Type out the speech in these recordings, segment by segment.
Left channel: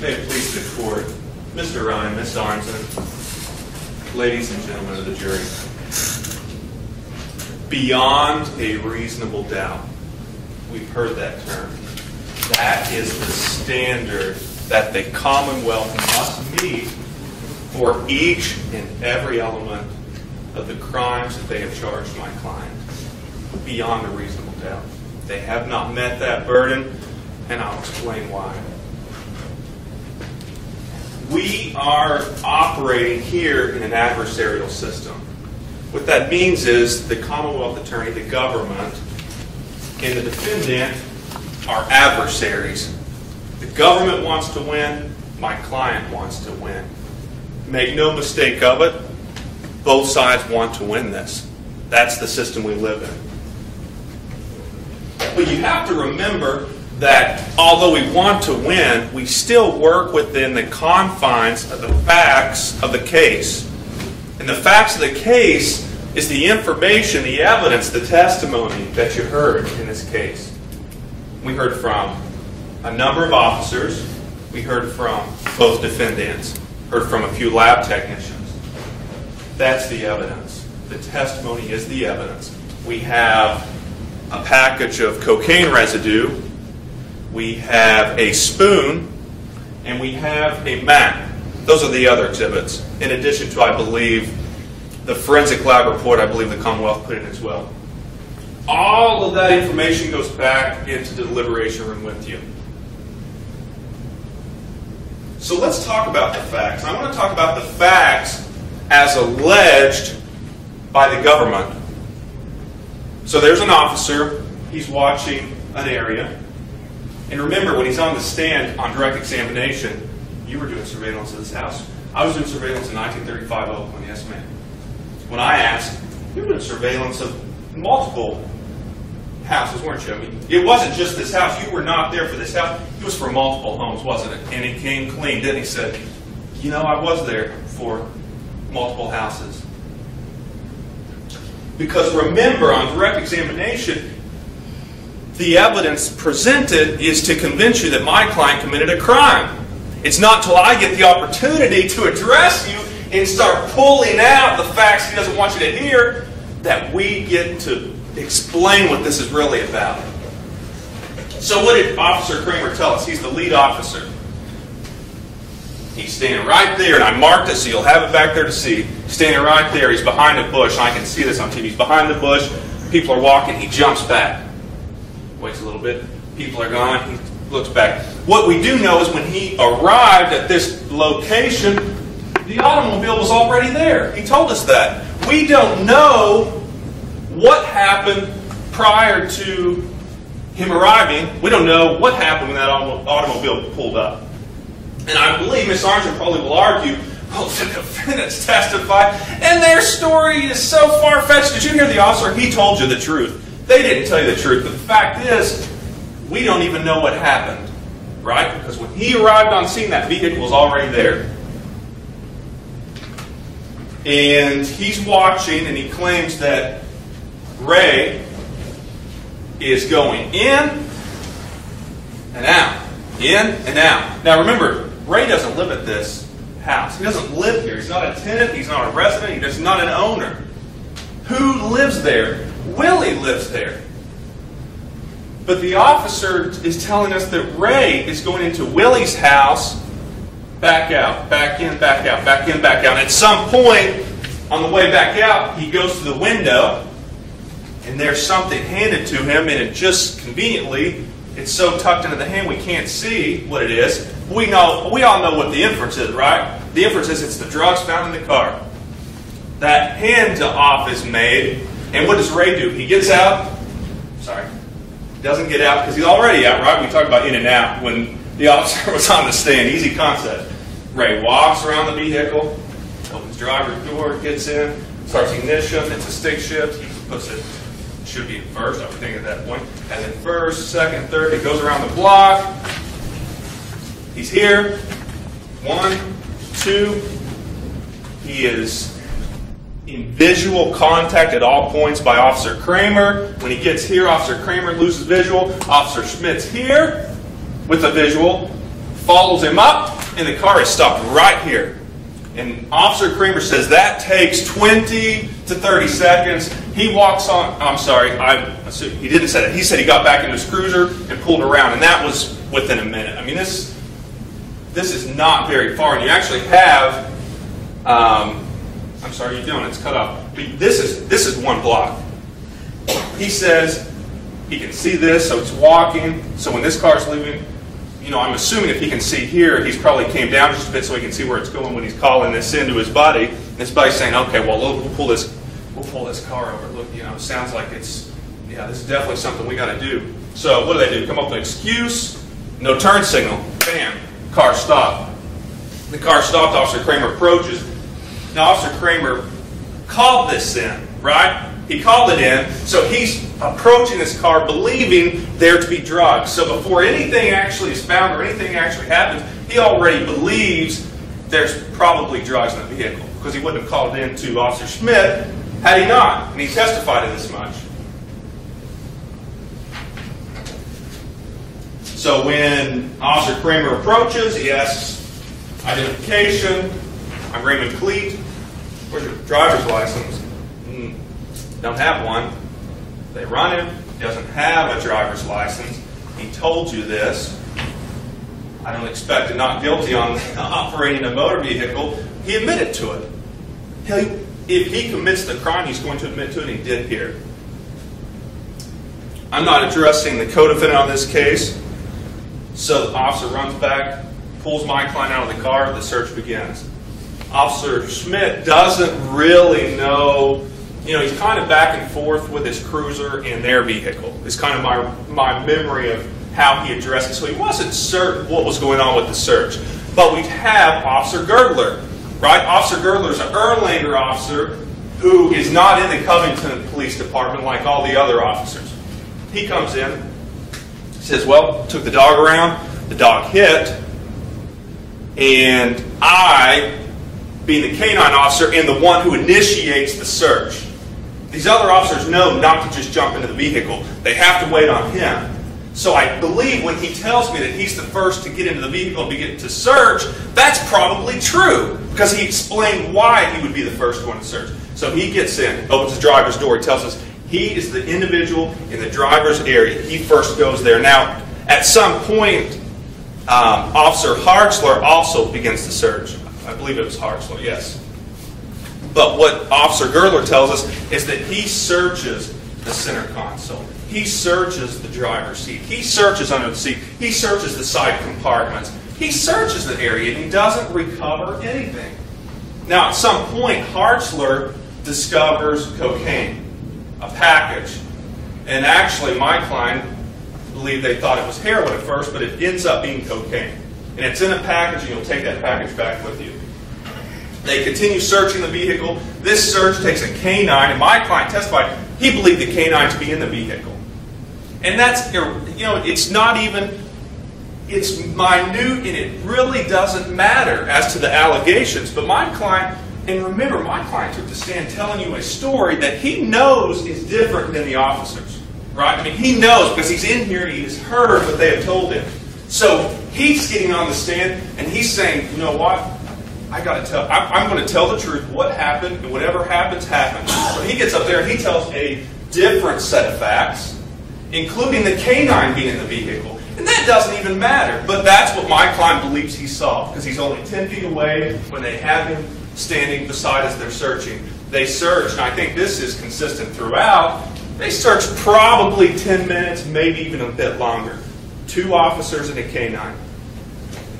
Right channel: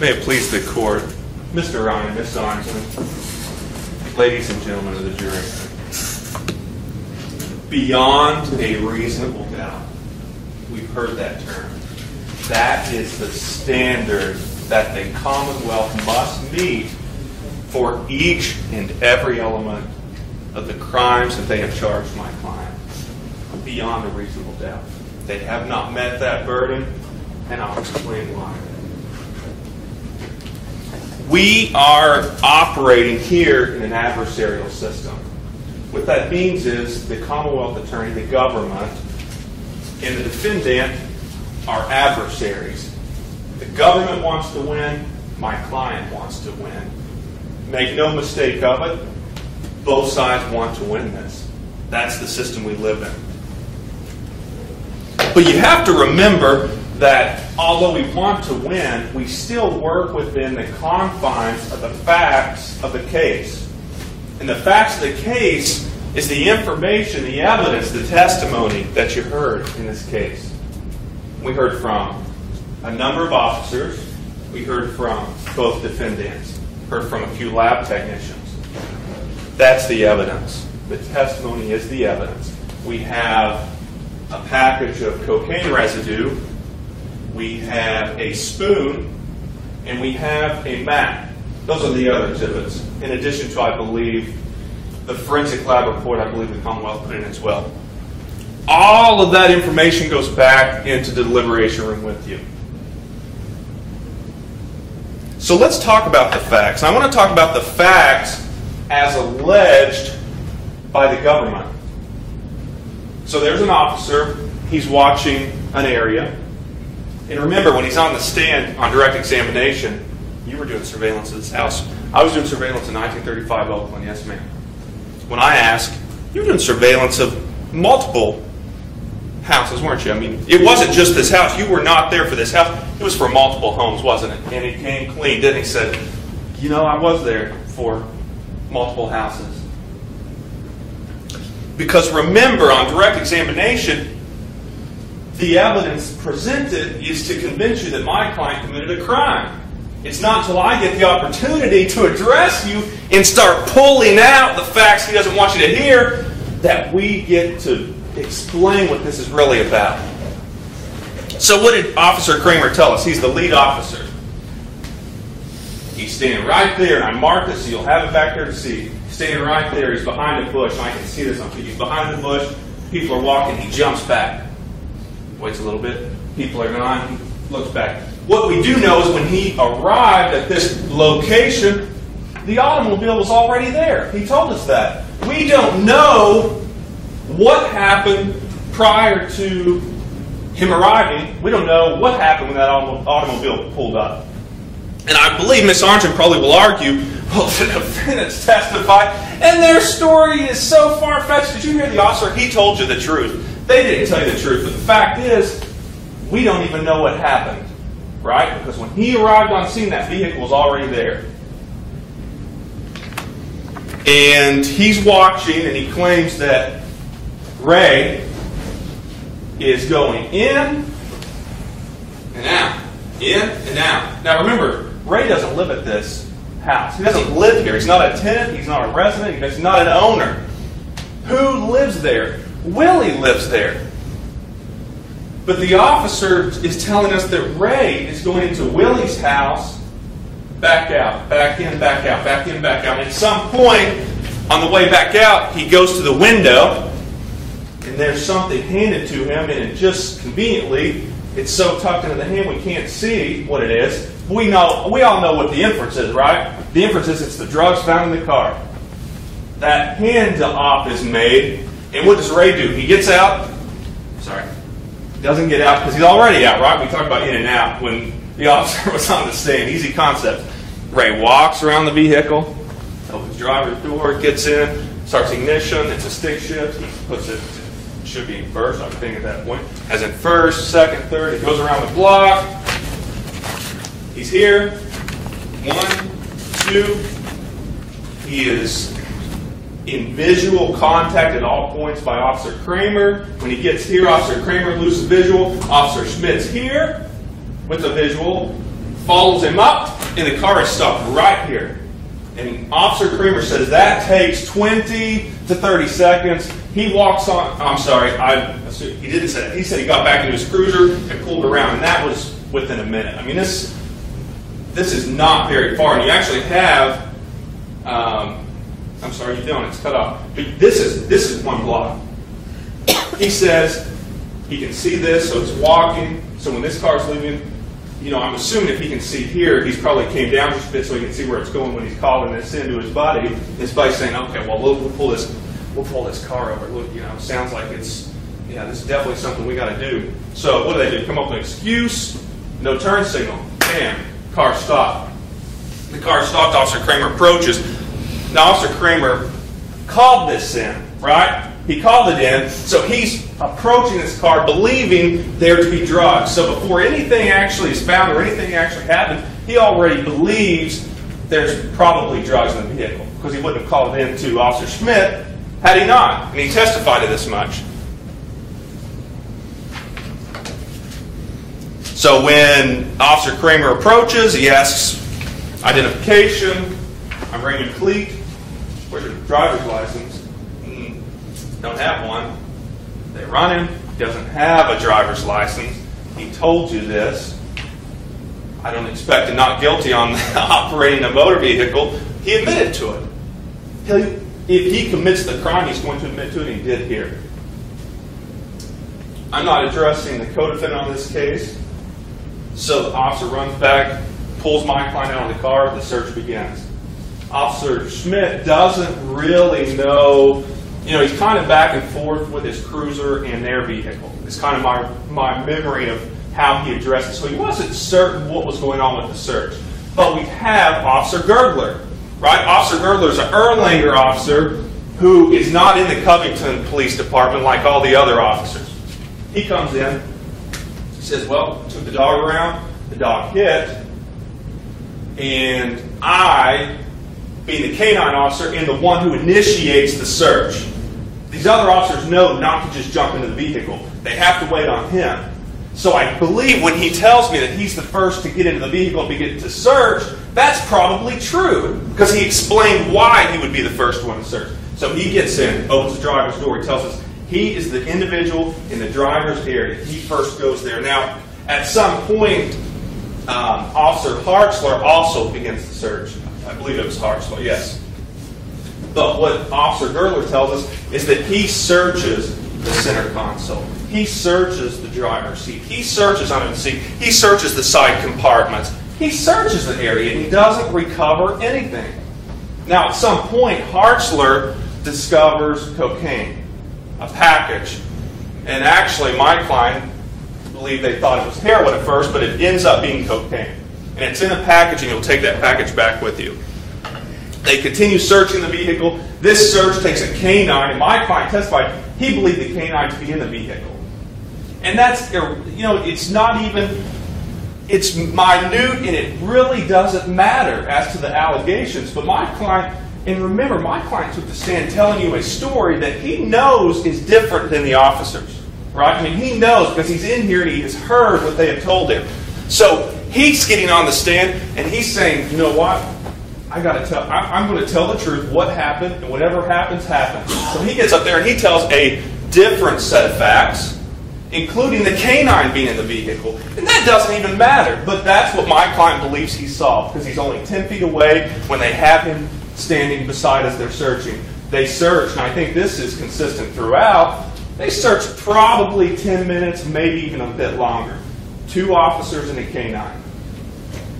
May it please the court, Mr. Ryan, Ms. Arnson, ladies and gentlemen of the jury, beyond a reasonable doubt, we've heard that term. That is the standard that the Commonwealth must meet for each and every element of the crimes that they have charged my client. Beyond a reasonable doubt. They have not met that burden, and I'll explain why. We are operating here in an adversarial system. What that means is the Commonwealth attorney, the government, and the defendant are adversaries. The government wants to win, my client wants to win. Make no mistake of it, both sides want to win this. That's the system we live in. But you have to remember that although we want to win, we still work within the confines of the facts of the case. And the facts of the case is the information, the evidence, the testimony that you heard in this case. We heard from a number of officers. We heard from both defendants. Heard from a few lab technicians. That's the evidence. The testimony is the evidence. We have a package of cocaine residue. We have a spoon, and we have a map. Those are the other exhibits. In addition to, I believe, the forensic lab report, I believe the Commonwealth put in as well. All of that information goes back into the deliberation room with you. So let's talk about the facts. I want to talk about the facts as alleged by the government. So there's an officer. He's watching an area. And remember, when he's on the stand on direct examination, you were doing surveillance of this house. I was doing surveillance in 1935 Oakland, yes ma'am. When I asked, you were doing surveillance of multiple houses, weren't you? I mean, it wasn't just this house. You were not there for this house. It was for multiple homes, wasn't it? And he came clean, didn't he? He said, you know, I was there for multiple houses. Because remember, on direct examination, the evidence presented is to convince you that my client committed a crime. It's not until I get the opportunity to address you and start pulling out the facts he doesn't want you to hear that we get to explain what this is really about. So what did Officer Kramer tell us? He's the lead officer. He's standing right there, and I marked it so you'll have it back there to see. Standing right there, he's behind a bush. I can see this on TV. He's behind the bush. People are walking. He jumps back. Waits a little bit. People are gone. He looks back. What we do know is when he arrived at this location, the automobile was already there. He told us that. We don't know what happened prior to him arriving. We don't know what happened when that automobile pulled up. And I believe Ms. Arnson probably will argue, well, the defendants testified, and their story is so far-fetched. Did you hear the officer? He told you the truth. They didn't tell you the truth. But the fact is, we don't even know what happened, right? Because when he arrived on scene, that vehicle was already there. And he's watching, and he claims that Ray is going in and out. In and out. Now remember, Ray doesn't live at this house. He doesn't live here. He's not a tenant. He's not a resident. He's not an owner. Who lives there? Willie lives there. But the officer is telling us that Ray is going into Willie's house, back out, back in, back out, back in, back out. And at some point, on the way back out, he goes to the window, and there's something handed to him, and it just conveniently, it's so tucked into the hand we can't see what it is. We all know what the inference is, right? The inference is it's the drugs found in the car. That hand-off is made, and what does Ray do? He gets out. Sorry. He doesn't get out because he's already out, right? We talked about in and out when the officer was on the stand. Easy concept. Ray walks around the vehicle, opens the driver's door, gets in, starts ignition. It's a stick shift. He puts it, should be in first, I would think at that point. As in first, second, third. It goes around the block. He's here. 1, 2. He is in visual contact at all points by Officer Kramer. When he gets here, Officer Kramer loses visual. Officer Schmidt's here with a visual. follows him up, and the car is stopped right here. And Officer Kramer says that takes 20 to 30 seconds. He walks on, I'm sorry, he didn't say that. He said he got back into his cruiser and pulled around, and that was within a minute. I mean, this is not very far, and you actually have, I'm sorry, you don't, it's cut off. But this is one block. He says he can see this, so he's walking. So when this car's leaving, you know, I'm assuming if he can see here, he's probably came down just a bit so he can see where it's going when he's calling this into his buddy. And his buddy's saying, okay, well, we'll pull this car over. Look, you know, it sounds like it's, yeah, this is definitely something we got to do. So what do? Come up with an excuse, no turn signal. Bam, car stopped. The car stopped, Officer Kramer approaches. Now, Officer Kramer called this in, right? He called it in, so he's approaching this car believing there to be drugs. So before anything actually is found or anything actually happens, he already believes there's probably drugs in the vehicle, because he wouldn't have called it in to Officer Schmidt had he not, and he testified to this much. So when Officer Kramer approaches, he asks identification. I'm Raymond Cleet. Where's your driver's license? Don't have one. They run him. He doesn't have a driver's license. He told you this. I don't expect a not guilty on operating a motor vehicle. He admitted to it. If he commits the crime, he's going to admit to it, and he did here. I'm not addressing the co-defendant on this case. So the officer runs back, pulls my client out of the car, the search begins. Officer Schmidt doesn't really know. You know, he's kind of back and forth with his cruiser and their vehicle. It's kind of my memory of how he addressed it. So he wasn't certain what was going on with the search. But we have Officer Girdler, right? Officer Girdler is an Erlanger officer who is not in the Covington Police Department like all the other officers. He comes in, says, well, took the dog around, the dog hit, and I, being the canine officer, am the one who initiates the search. These other officers know not to just jump into the vehicle. They have to wait on him. So I believe when he tells me that he's the first to get into the vehicle and begin to search, that's probably true, because he explained why he would be the first one to search. So he gets in, opens the driver's door, he tells us he is the individual in the driver's area. He first goes there. Now, at some point, Officer Hartzler also begins the search. I believe it was Hartzler, yes. But what Officer Girdler tells us is that he searches the center console. He searches the driver's seat. He searches under the seat. He searches the side compartments. He searches the area, and he doesn't recover anything. Now, at some point, Hartzler discovers cocaine, a package. And actually, my client believed they thought it was heroin at first, but it ends up being cocaine. And it's in a package, and you'll take that package back with you. They continue searching the vehicle. This search takes a canine, and my client testified he believed the canine to be in the vehicle. And that's, you know, it's not even, it's minute, and it really doesn't matter as to the allegations. But my client, and remember, my client took the stand telling you a story that he knows is different than the officers, right? I mean, he knows because he's in here and he has heard what they have told him. So he's getting on the stand, and he's saying, you know what? I got to tell. I'm going to tell the truth. What happened, and whatever happens, happens. So he gets up there and he tells a different set of facts, including the canine being in the vehicle. And that doesn't even matter. But that's what my client believes he saw, because he's only 10 feet away when they have him standing beside as they're searching. They search, and I think this is consistent throughout. They search probably 10 minutes, maybe even a bit longer. 2 officers and a canine.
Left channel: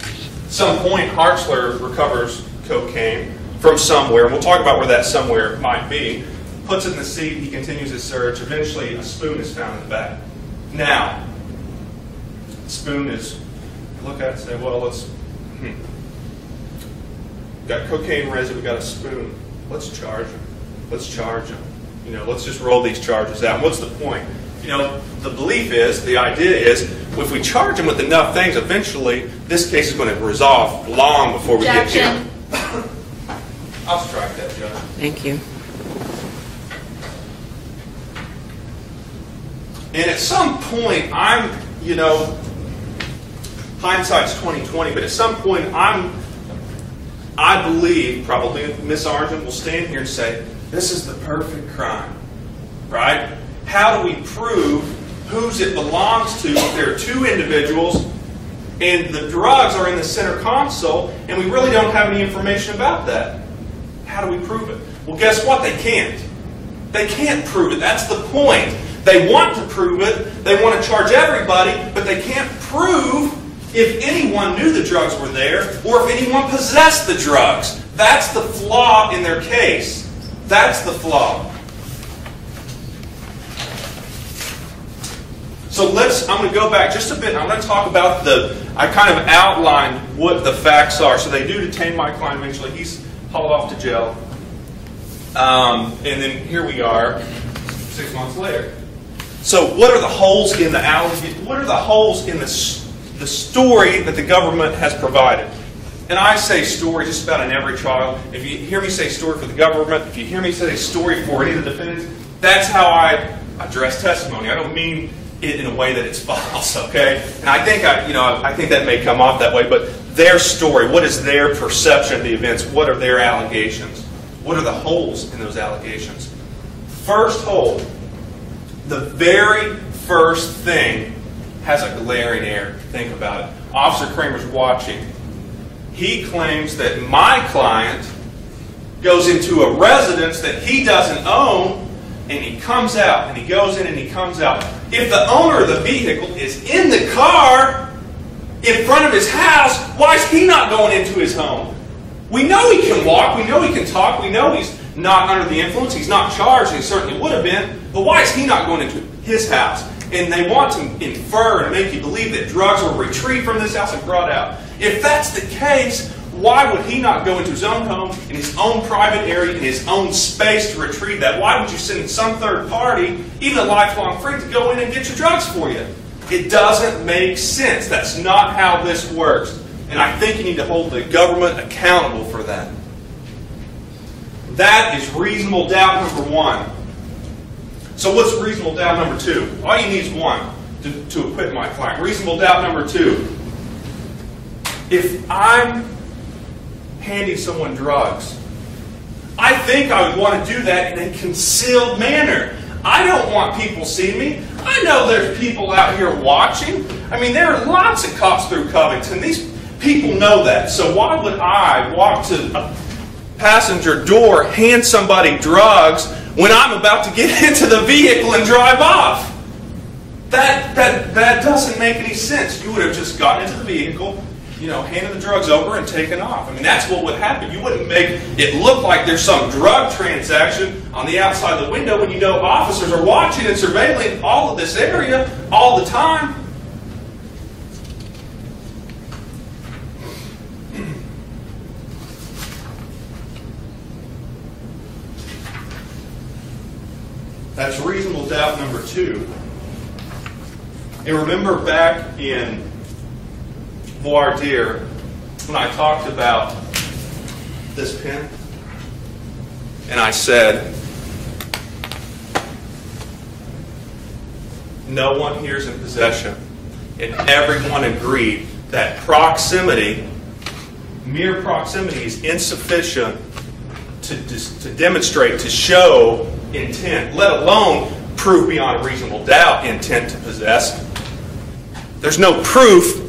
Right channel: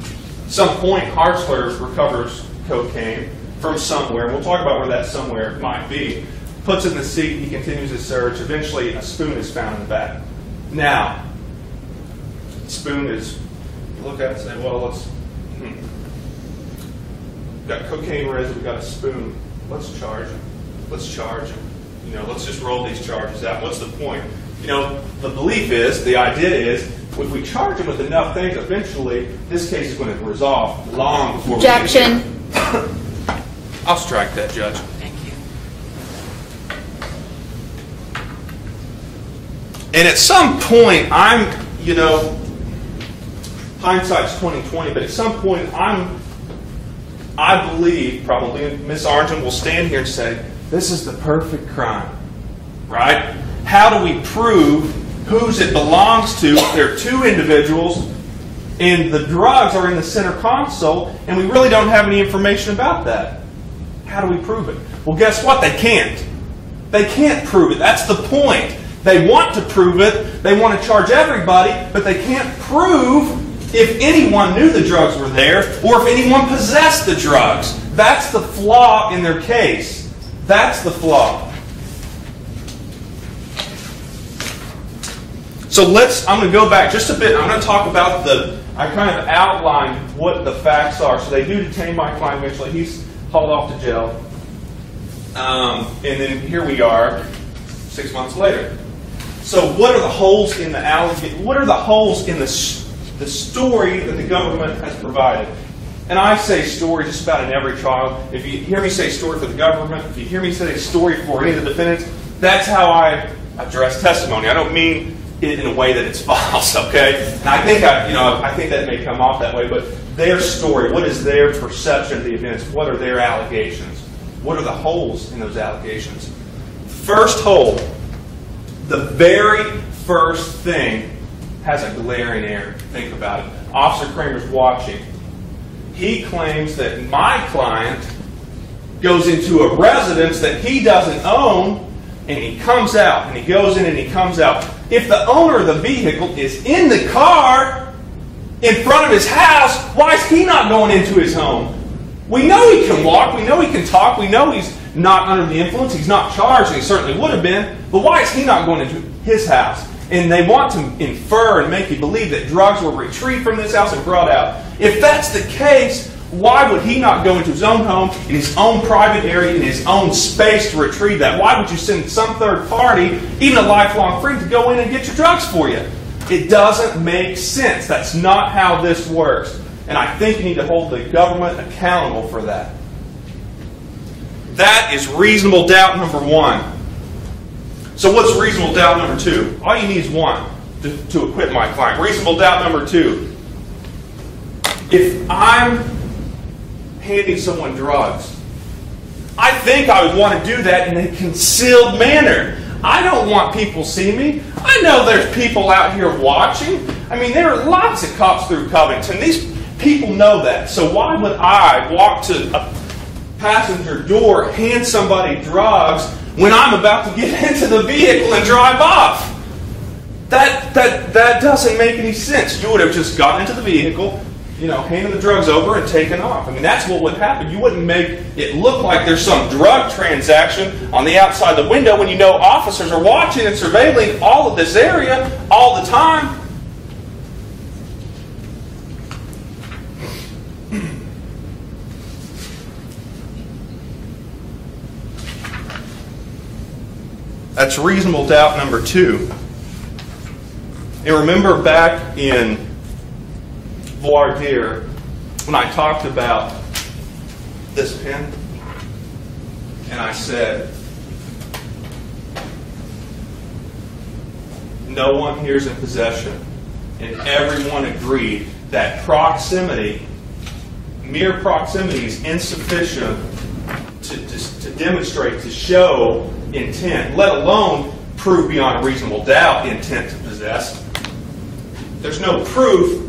At some point, Hartzler recovers cocaine from somewhere. We'll talk about where that somewhere might be. Puts it in the seat. He continues his search. Eventually, a spoon is found in the back. Now, the spoon is, look at it and say, well, let's, we've got cocaine resin, we've got a spoon. Let's charge him. Let's charge him. You know, let's just roll these charges out. What's the point? You know, the belief is, the idea is, if we charge him with enough things, eventually this case is going to resolve long before we get here. I'll strike that, Judge. Thank you. And at some point, I'm, you know, hindsight's 20/20, but at some point I believe probably Miss Arngent will stand here and say, this is the perfect crime, right? How do we prove whose it belongs to? There are two individuals, and the drugs are in the center console, and we really don't have any information about that. How do we prove it? Well, guess what? They can't. They can't prove it. That's the point. They want to prove it. They want to charge everybody, but they can't prove if anyone knew the drugs were there or if anyone possessed the drugs. That's the flaw in their case. That's the flaw. So I'm going to go back just a bit. I'm going to talk about I kind of outlined what the facts are. So they do detain my client eventually. He's hauled off to jail. And then here we are 6 months later. So what are the holes in the story that the government has provided? And I say story just about in every trial. If you hear me say story for the government, if you hear me say story for any of the defendants, that's how I address testimony. I don't mean it in a way that it's false, okay? And I think that may come off that way, but their story, what is their perception of the events? What are their allegations? What are the holes in those allegations? First hole, the very first thing has a glaring error. Think about it. Officer Kramer's watching. He claims that my client goes into a residence that he doesn't own, and he comes out, and he goes in and he comes out. If the owner of the vehicle is in the car in front of his house, why is he not going into his home? We know he can walk, we know he can talk, we know he's not under the influence, he's not charged, and he certainly would have been, but why is he not going into his house? And they want to infer and make you believe that drugs were retrieved from this house and brought out. If that's the case, why would he not go into his own home, in his own private area, in his own space to retrieve that? Why would you send some third party, even a lifelong friend, to go in and get your drugs for you? It doesn't make sense. That's not how this works. And I think you need to hold the government accountable for that. That is reasonable doubt number one. So what's reasonable doubt number two? All you need is one to acquit my client. Reasonable doubt number two. If I'm handing someone drugs, I think I would want to do that in a concealed manner. I don't want people seeing me. I know there's people out here watching. I mean, there are lots of cops through Covington. These people know that. So why would I walk to a passenger door, hand somebody drugs when I'm about to get into the vehicle and drive off? That doesn't make any sense. You would have just gotten into the vehicle, handed the drugs over and taken off. I mean, that's what would happen. You wouldn't make it look like there's some drug transaction on the outside the window when you know officers are watching and surveilling all of this area all the time. That's reasonable doubt number two. And remember back in voir dire when I talked about this pen? And I said, no one here is in possession. And everyone agreed that proximity, mere proximity, is insufficient to demonstrate, to show intent, let alone prove beyond a reasonable doubt intent to possess. There's no proof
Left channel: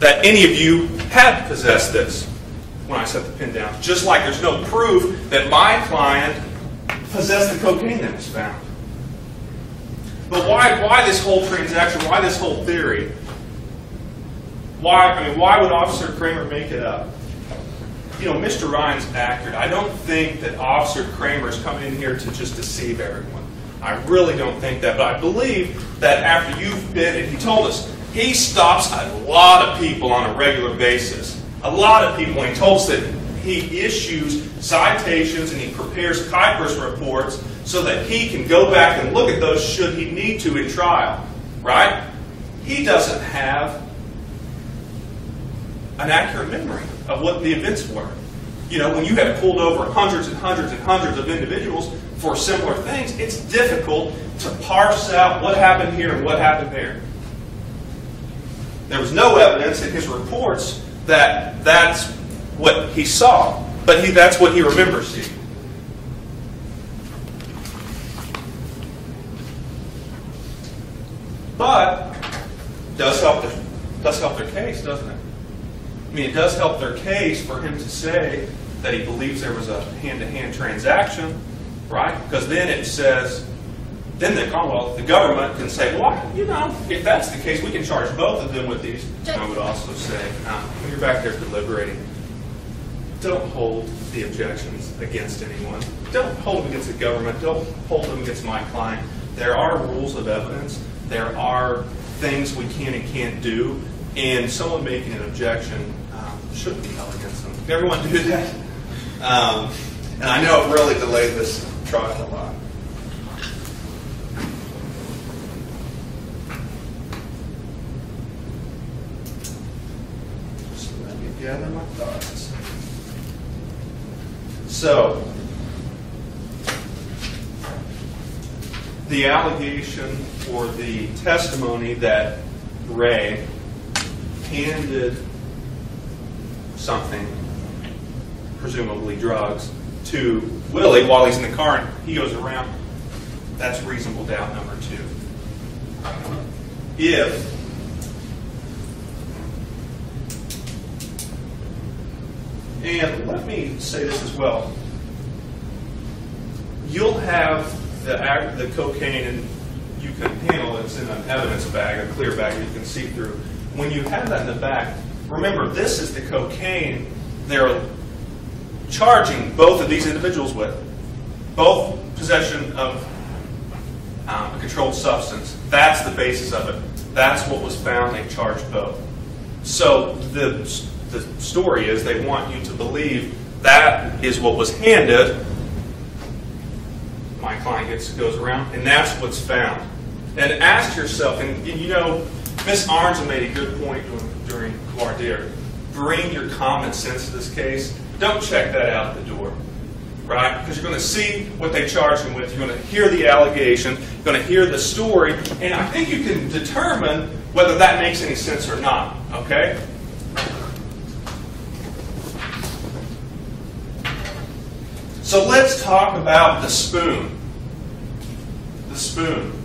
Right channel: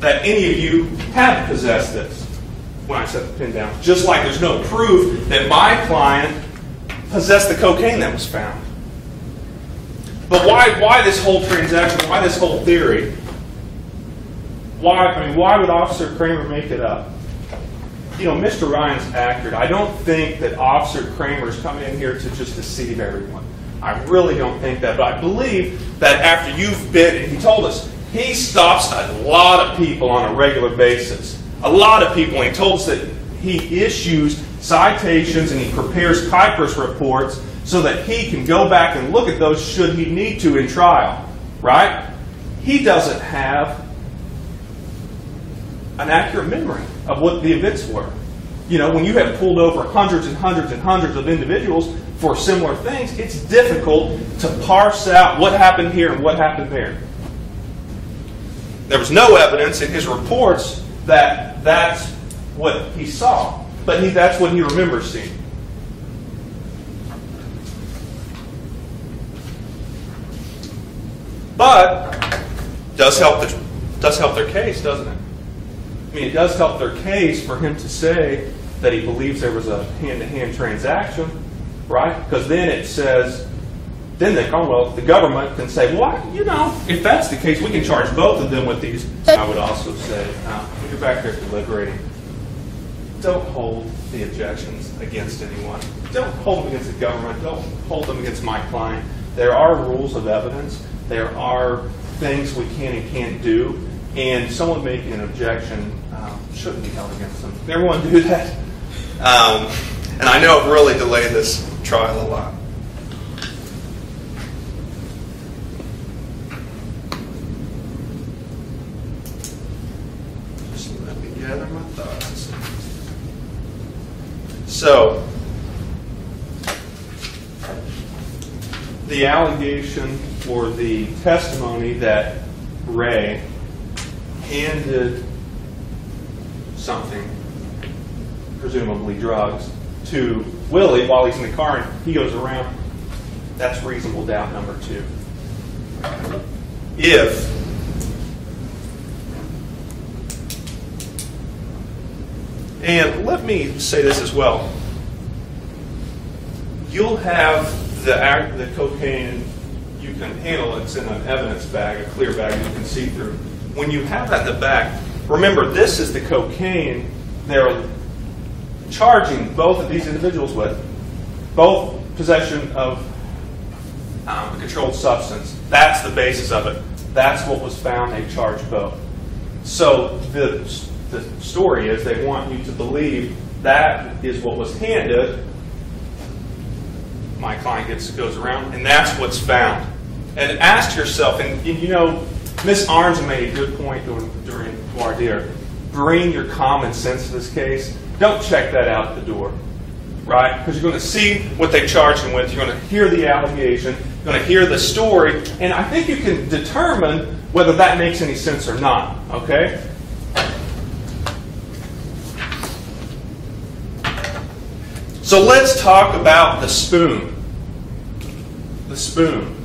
that any of you have possessed this when I set the pen down. Just like there's no proof that my client possessed the cocaine that was found. But why this whole transaction? Why this whole theory? Why would Officer Kramer make it up? Mr. Ryan's accurate. I don't think that Officer Kramer is coming in here to just deceive everyone. I really don't think that. But I believe that after you've been, and he told us, he stops a lot of people on a regular basis. A lot of people. And he told us that he issues citations and he prepares Kuiper's reports so that he can go back and look at those should he need to in trial. Right? He doesn't have an accurate memory of what the events were. When you have pulled over hundreds and hundreds and hundreds of individuals for similar things, it's difficult to parse out what happened here and what happened there. There was no evidence in his reports that that's what he saw, but that's what he remembers seeing. But does help their case, doesn't it? I mean, it does help their case for him to say that he believes there was a hand-to-hand transaction, right? Because then it says, then the Commonwealth, the government can say, well, you know, if that's the case, we can charge both of them with these. I would also say, when you're back there deliberating, don't hold the objections against anyone. Don't hold them against the government. Don't hold them against my client. There are rules of evidence. There are things we can and can't do, and someone making an objection shouldn't be held against them. Everyone do that. And I know I've really delayed this trial a lot. Just let me gather my thoughts. So, the allegation or the testimony that Ray handed something, presumably drugs, to Willie while he's in the car and he goes around, that's reasonable doubt number 2. If and let me say this as well, you'll have the cocaine and you can handle it. It's in an evidence bag, a clear bag that you can see through. When you have that in the back, remember this is the cocaine they're charging both of these individuals with, both possession of a controlled substance. That's the basis of it. That's what was found. They charged both. So the story is they want you to believe that is what was handed. My client goes around, and that's what's found. And ask yourself, and you know, Miss Arns made a good point during voir dire. Bring your common sense to this case. Don't check that out at the door, right? Because you're going to see what they charged him with. You're going to hear the allegation. You're going to hear the story. And I think you can determine whether that makes any sense or not, okay? So let's talk about the spoon. The spoon.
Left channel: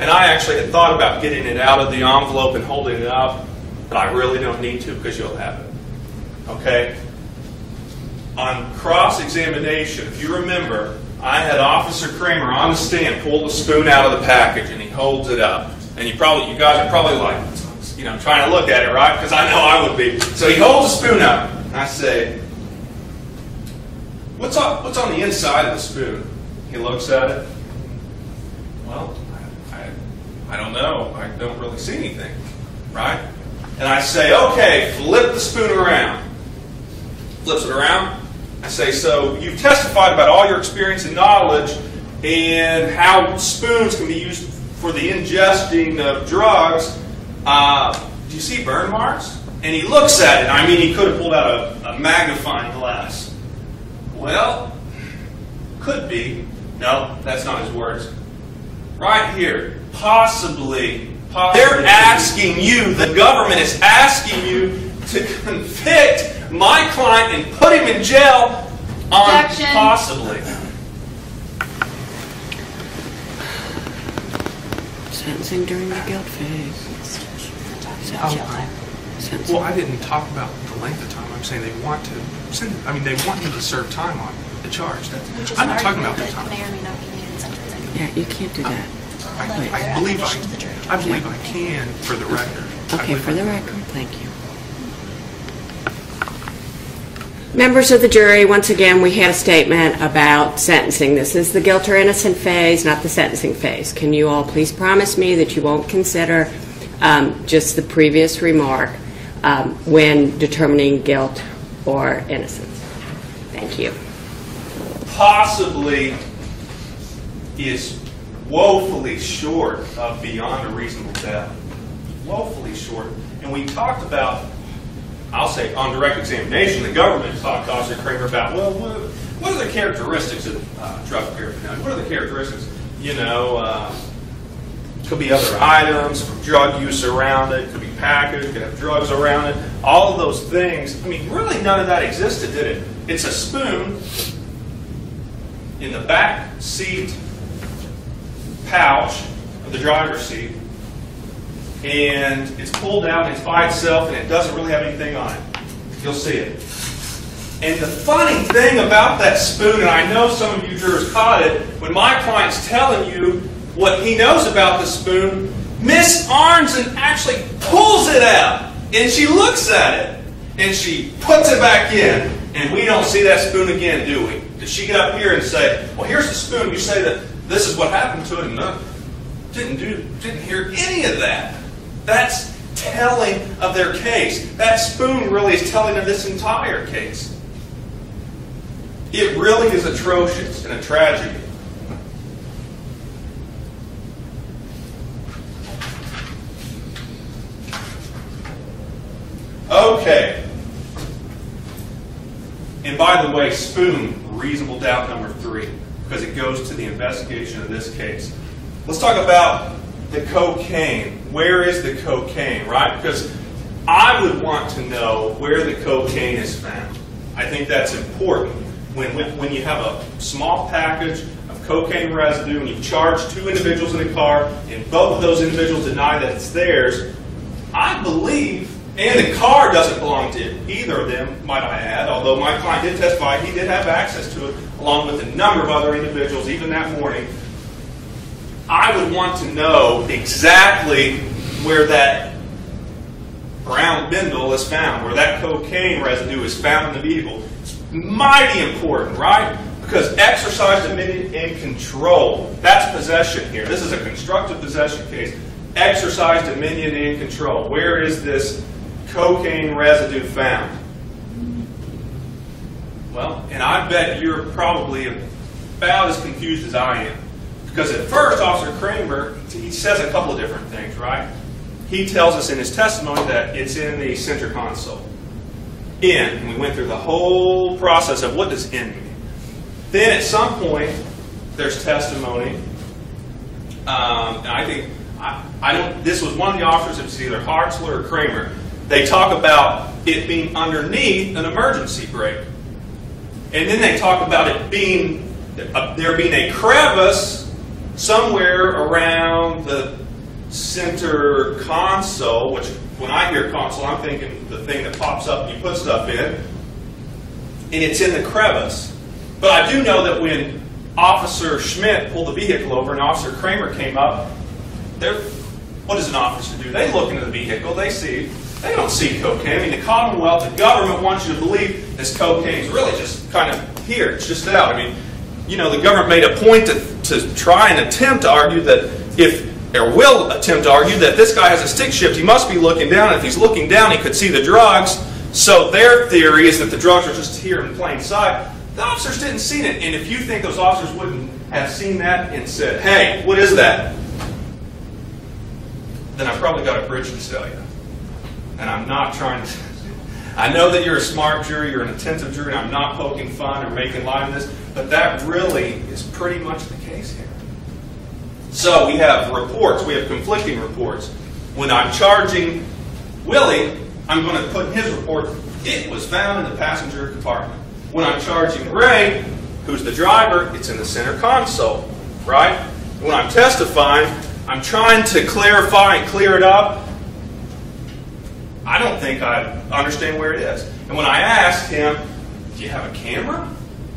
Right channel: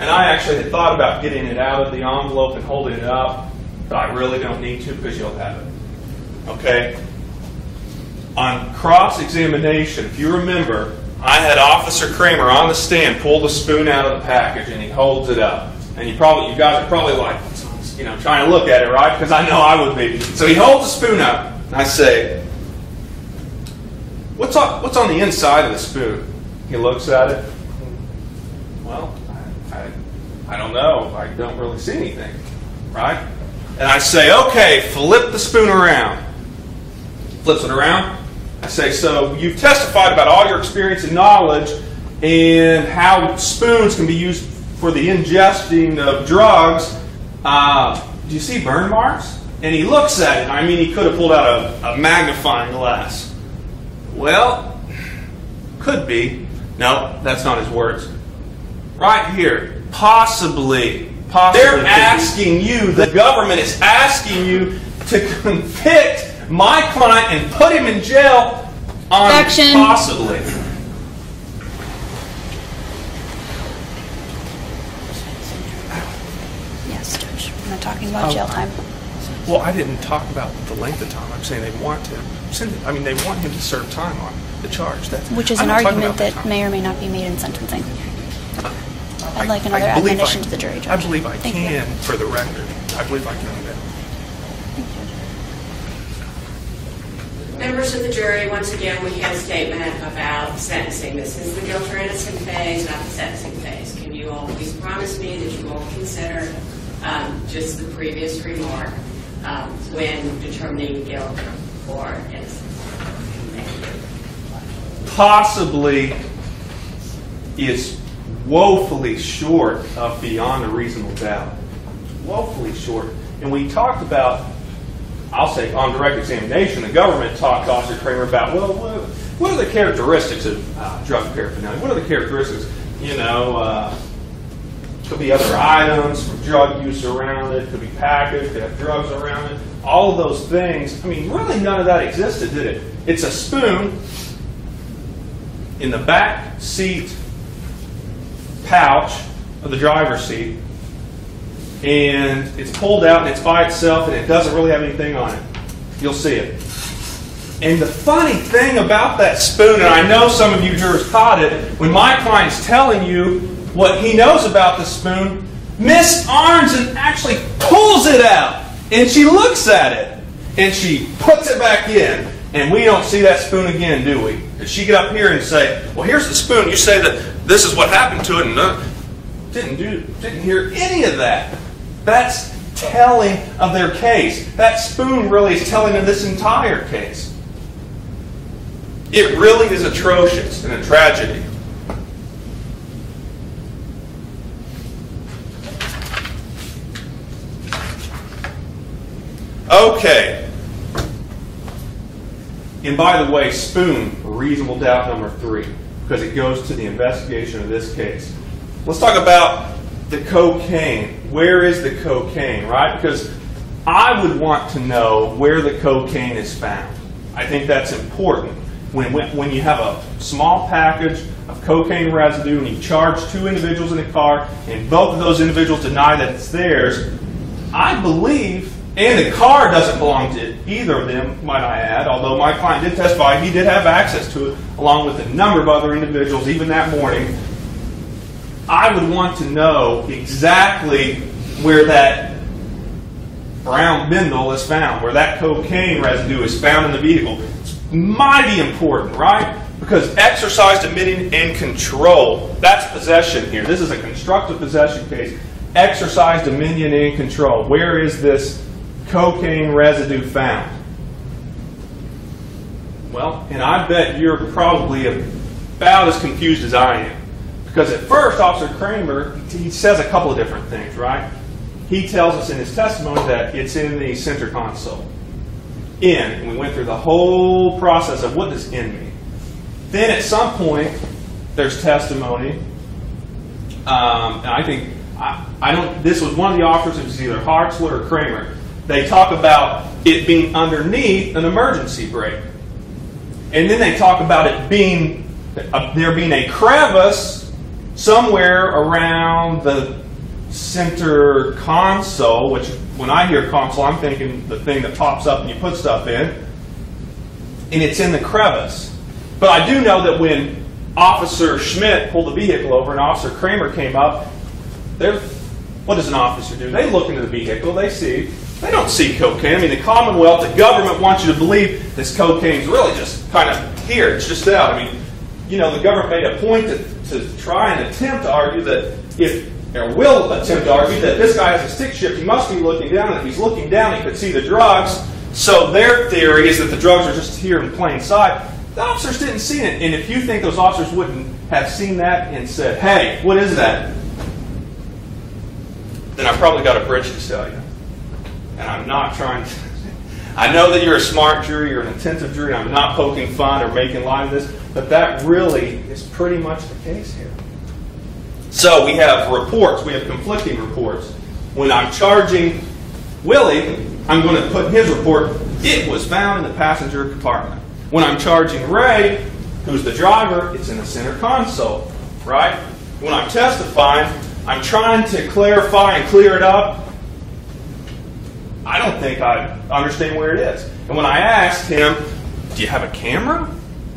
And I actually had thought about getting it out of the envelope and holding it up, but I really don't need to because you'll have it. Okay? On cross-examination, if you remember, I had Officer Kramer on the stand pull the spoon out of the package, and he holds it up. And you guys are probably like, you know, trying to look at it, right? Because I know I would be. So he holds the spoon up. I say, what's on the inside of the spoon? He looks at it. Well, I don't know. I don't really see anything, right? And I say, okay, flip the spoon around. Flips it around. I say, so you've testified about all your experience and knowledge and how spoons can be used for the ingesting of drugs. Do you see burn marks? And he looks at it. I mean, he could have pulled out a magnifying glass. Well, could be. No, that's not his words. Right here. Possibly. They're asking you, the government is asking you to convict my client and put him in jail on Objection. Possibly. Sentencing during the guilt phase. Yes, Judge. I'm not talking about jail time. Well, I didn't talk about the length of time. I'm saying they want to send it. I mean, they want him to serve time on the charge. Which is an argument that may or may not be made in sentencing. Yeah, you can't do that. I'd like another admonition to the jury, Judge. I believe I Thank can, you. for the record. Okay, for the record, thank you. Members of the jury, once again, we had a statement about sentencing. This is the guilt or innocent phase, not the sentencing phase. Can you all please promise me that you won't consider just the previous remark when determining guilt or innocence? Thank you. Possibly is woefully short of beyond a reasonable doubt. Woefully short. And we talked about, I'll say on direct examination, the government talked to Officer Kramer about, well, what are the characteristics of drug paraphernalia? What are the characteristics? You know, Could be other items from drug use around it. Could be packaged. Could have drugs around it. All of those things. I mean, really none of that existed, did it? It's a spoon in the back seat pouch of the driver's seat, and it's pulled out and it's by itself and it doesn't really have anything on it. You'll see it. And the funny thing about that spoon, and I know some of you jurors caught it, when my client's telling you what he knows about the spoon, Miss Arnzen actually pulls it out and she looks at it and she puts it back in, and we don't see that spoon again, do we? Did she get up here and say, well, here's the spoon, you say that this is what happened to it, and didn't hear any of that. That's telling of their case. That spoon really is telling of this entire case. It really is atrocious and a tragedy. Okay. And by the way, spoon, reasonable doubt number 3, because it goes to the investigation of this case. Let's talk about the cocaine. Where is the cocaine, right? Because I would want to know where the cocaine is found. I think that's important. When you have a small package of cocaine residue and you charge 2 individuals in a car and both of those individuals deny that it's theirs, I believe, and the car doesn't belong to either of them, might I add, although my client did testify he did have access to it along with a number of other individuals even that morning, I would want to know exactly where that brown bindle is found, where that cocaine residue is found in the vehicle. It's mighty important, right? Because exercise dominion and control, that's possession here. This is a constructive possession case. Exercise dominion and control. Where is this cocaine residue found? Well, and I bet you're probably about as confused as I am. Because at first, Officer Kramer, he says a couple of different things, right? He tells us in his testimony that it's in the center console. And we went through the whole process of what does in mean. Then at some point, there's testimony. And I think, this was one of the officers, it was either Hartzler or Kramer. They talk about it being underneath an emergency brake. And then they talk about it being, there being a crevice somewhere around the center console, which when I hear console, I'm thinking the thing that pops up and you put stuff in. And it's in the crevice. But I do know that when Officer Schmidt pulled the vehicle over and Officer Kramer came up, what does an officer do? They look into the vehicle, they don't see cocaine. I mean, the Commonwealth, the government wants you to believe this cocaine is really just kind of here. It's just out. I mean, you know, the government made a point to try and attempt to argue that will attempt to argue that this guy has a stick shift. He must be looking down. If he's looking down, he could see the drugs. So their theory is that the drugs are just here in plain sight. The officers didn't see it. And if you think those officers wouldn't have seen that and said, hey, what is that? Then I've probably got a bridge to sell you. And I'm not trying to... I know that you're a smart jury, you're an attentive jury, I'm not poking fun or making light of this, but that really is pretty much the case here. So we have reports, we have conflicting reports. When I'm charging Willie, I'm going to put in his report, it was found in the passenger compartment. When I'm charging Ray, who's the driver, it's in the center console, right? When I'm testifying, I'm trying to clarify and clear it up. I don't think I understand where it is. And when I asked him, do you have a camera?